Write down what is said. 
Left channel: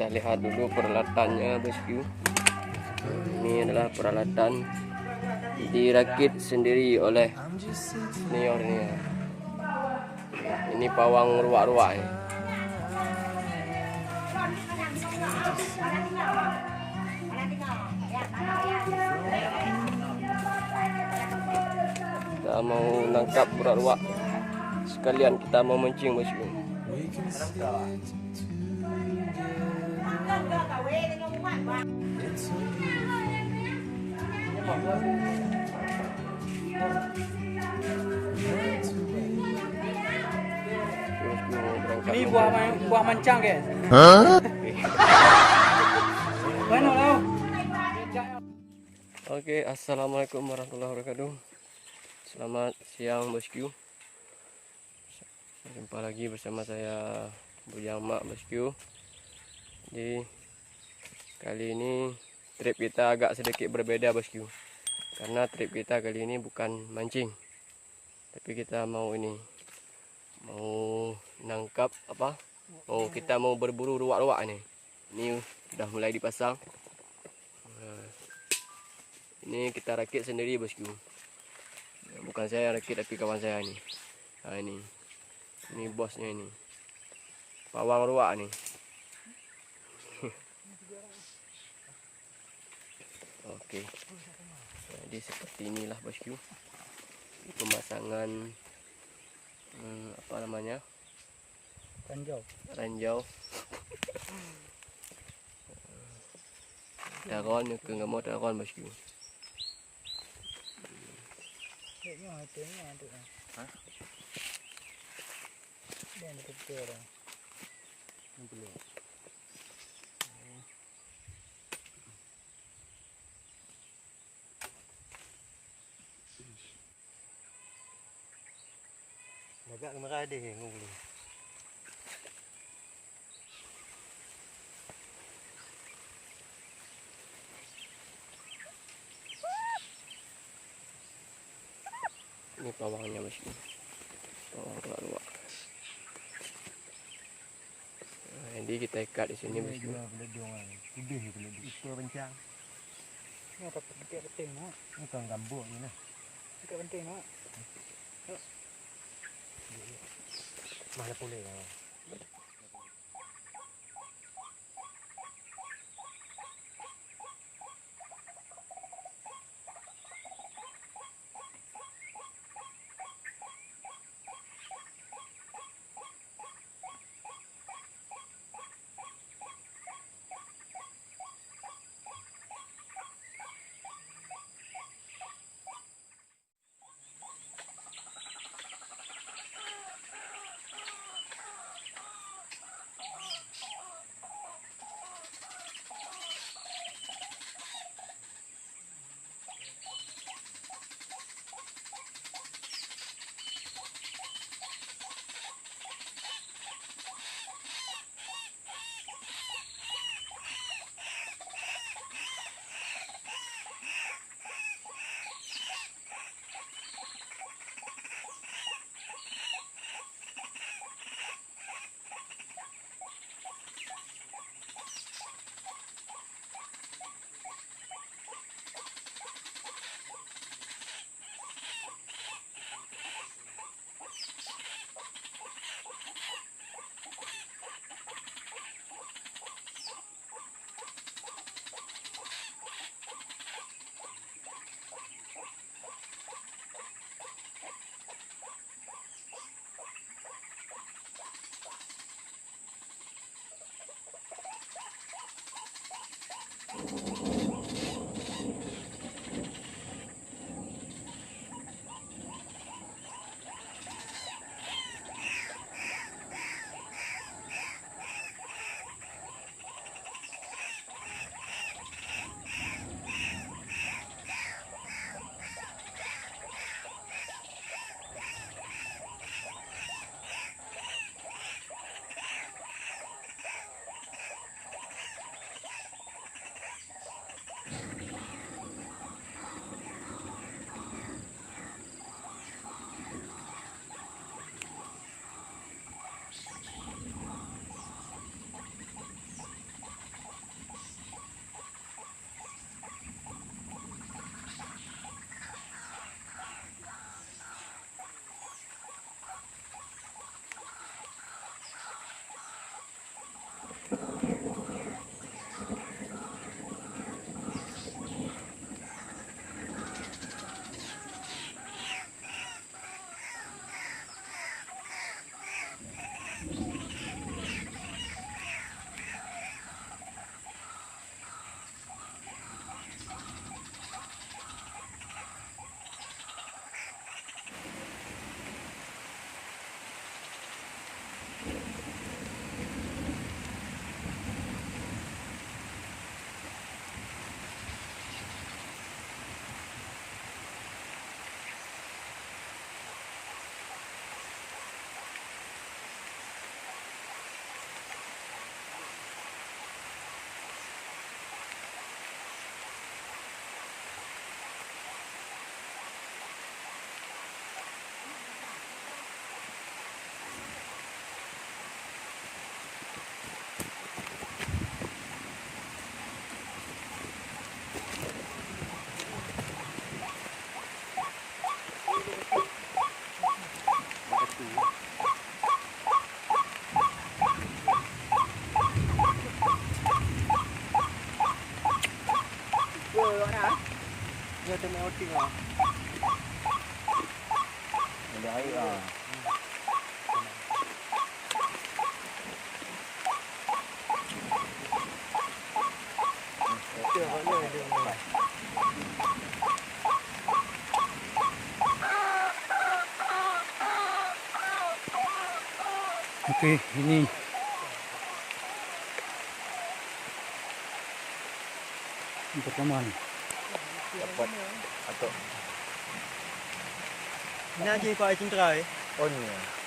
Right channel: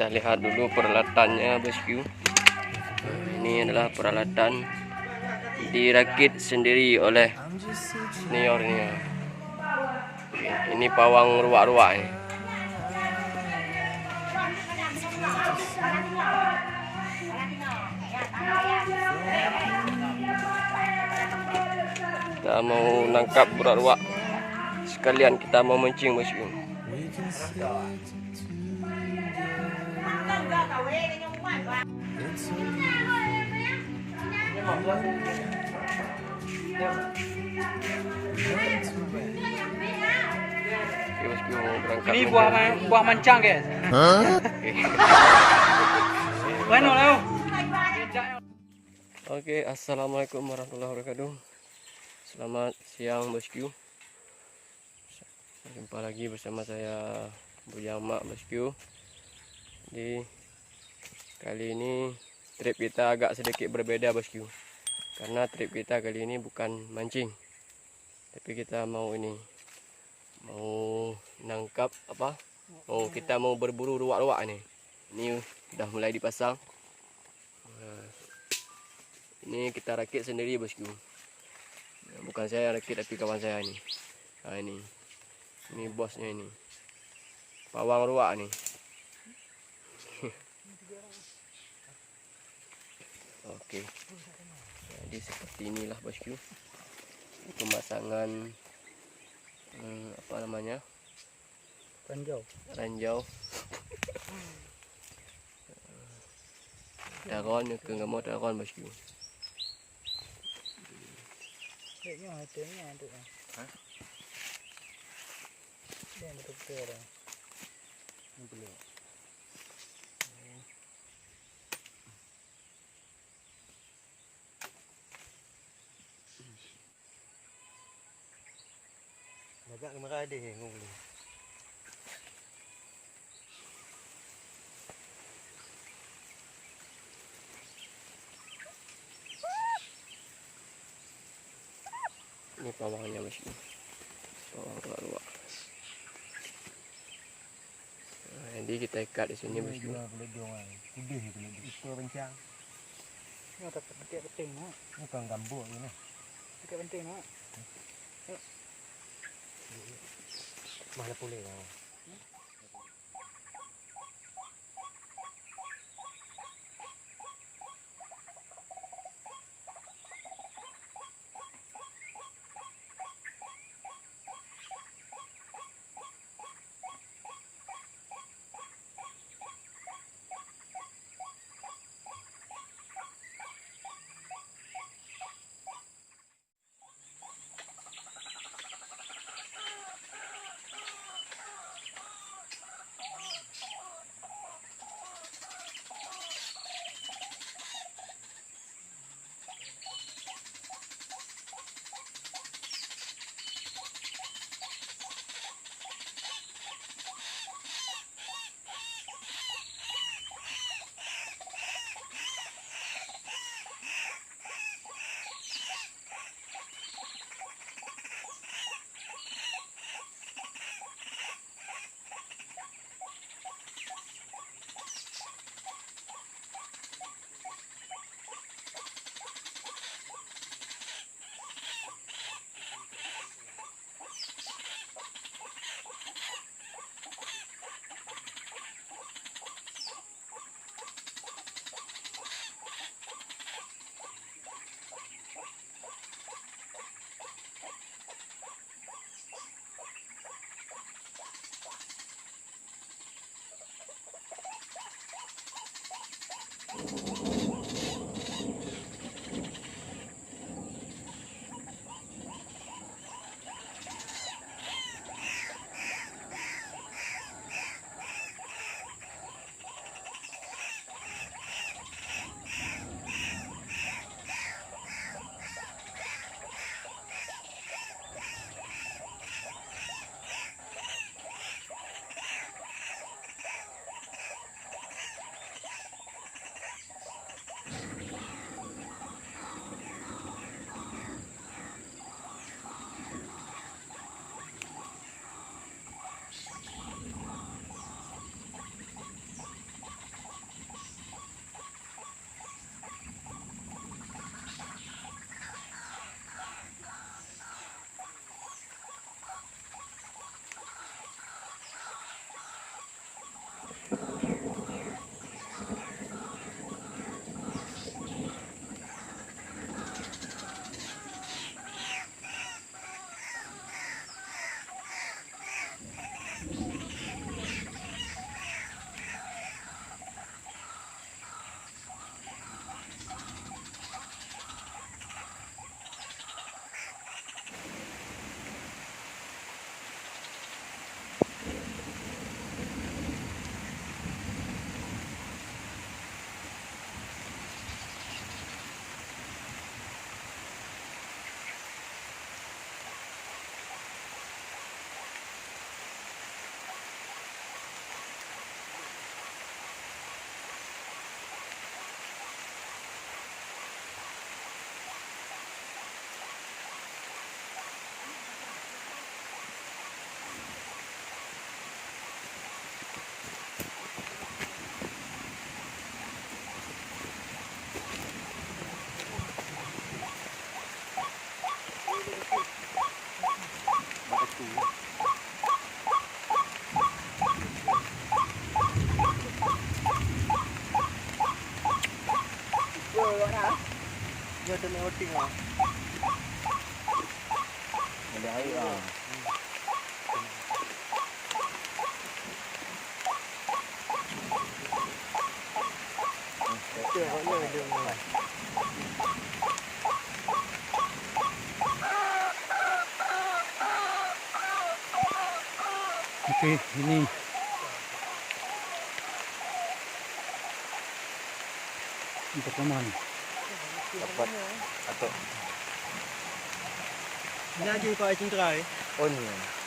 Kita lihat dulu peralatannya bosku. Ini adalah peralatan dirakit sendiri oleh senior ini. Ini pawang ruak-ruak ini. Kita mau nangkap ruak-ruak, sekalian kita mau mancing bosku. Ini buah mancang guys. Bueno Leo. Oke, assalamualaikum warahmatullahi wabarakatuh. Selamat siang bosku. Jumpa lagi bersama saya Bu Jamak bosku. Di kali ini trip kita agak sedikit berbeda bosku. Karena trip kita kali ini bukan mancing, tapi kita mau nangkap apa? Kita mau berburu ruak-ruak nih. Ini udah mulai dipasang. Ini kita rakit sendiri bosku. Bukan saya yang rakit tapi kawan saya ini. Nah ini bosnya ini. Pawang ruak nih. Oke. Jadi seperti inilah bosku. Pemasangan apa namanya? Ranjau. Taron ke nggak mau taron bosku. Agak merah deh nguli. Ini pawangnya bosku. Pawang ruak-ruak. Nah, jadi kita ikat di sini bosku. Boleh jongan. Kudih boleh di. Itu bencang. Ini apa penting nak? Bukan gambut ni nah. Dekat penting nak. Mana boleh kau. macam main outing lah. Ada air ah. Betul mana dia main. Okey, ini. Ini pertama ni. Dapat atau Ni aja Pak Cindra. on ni.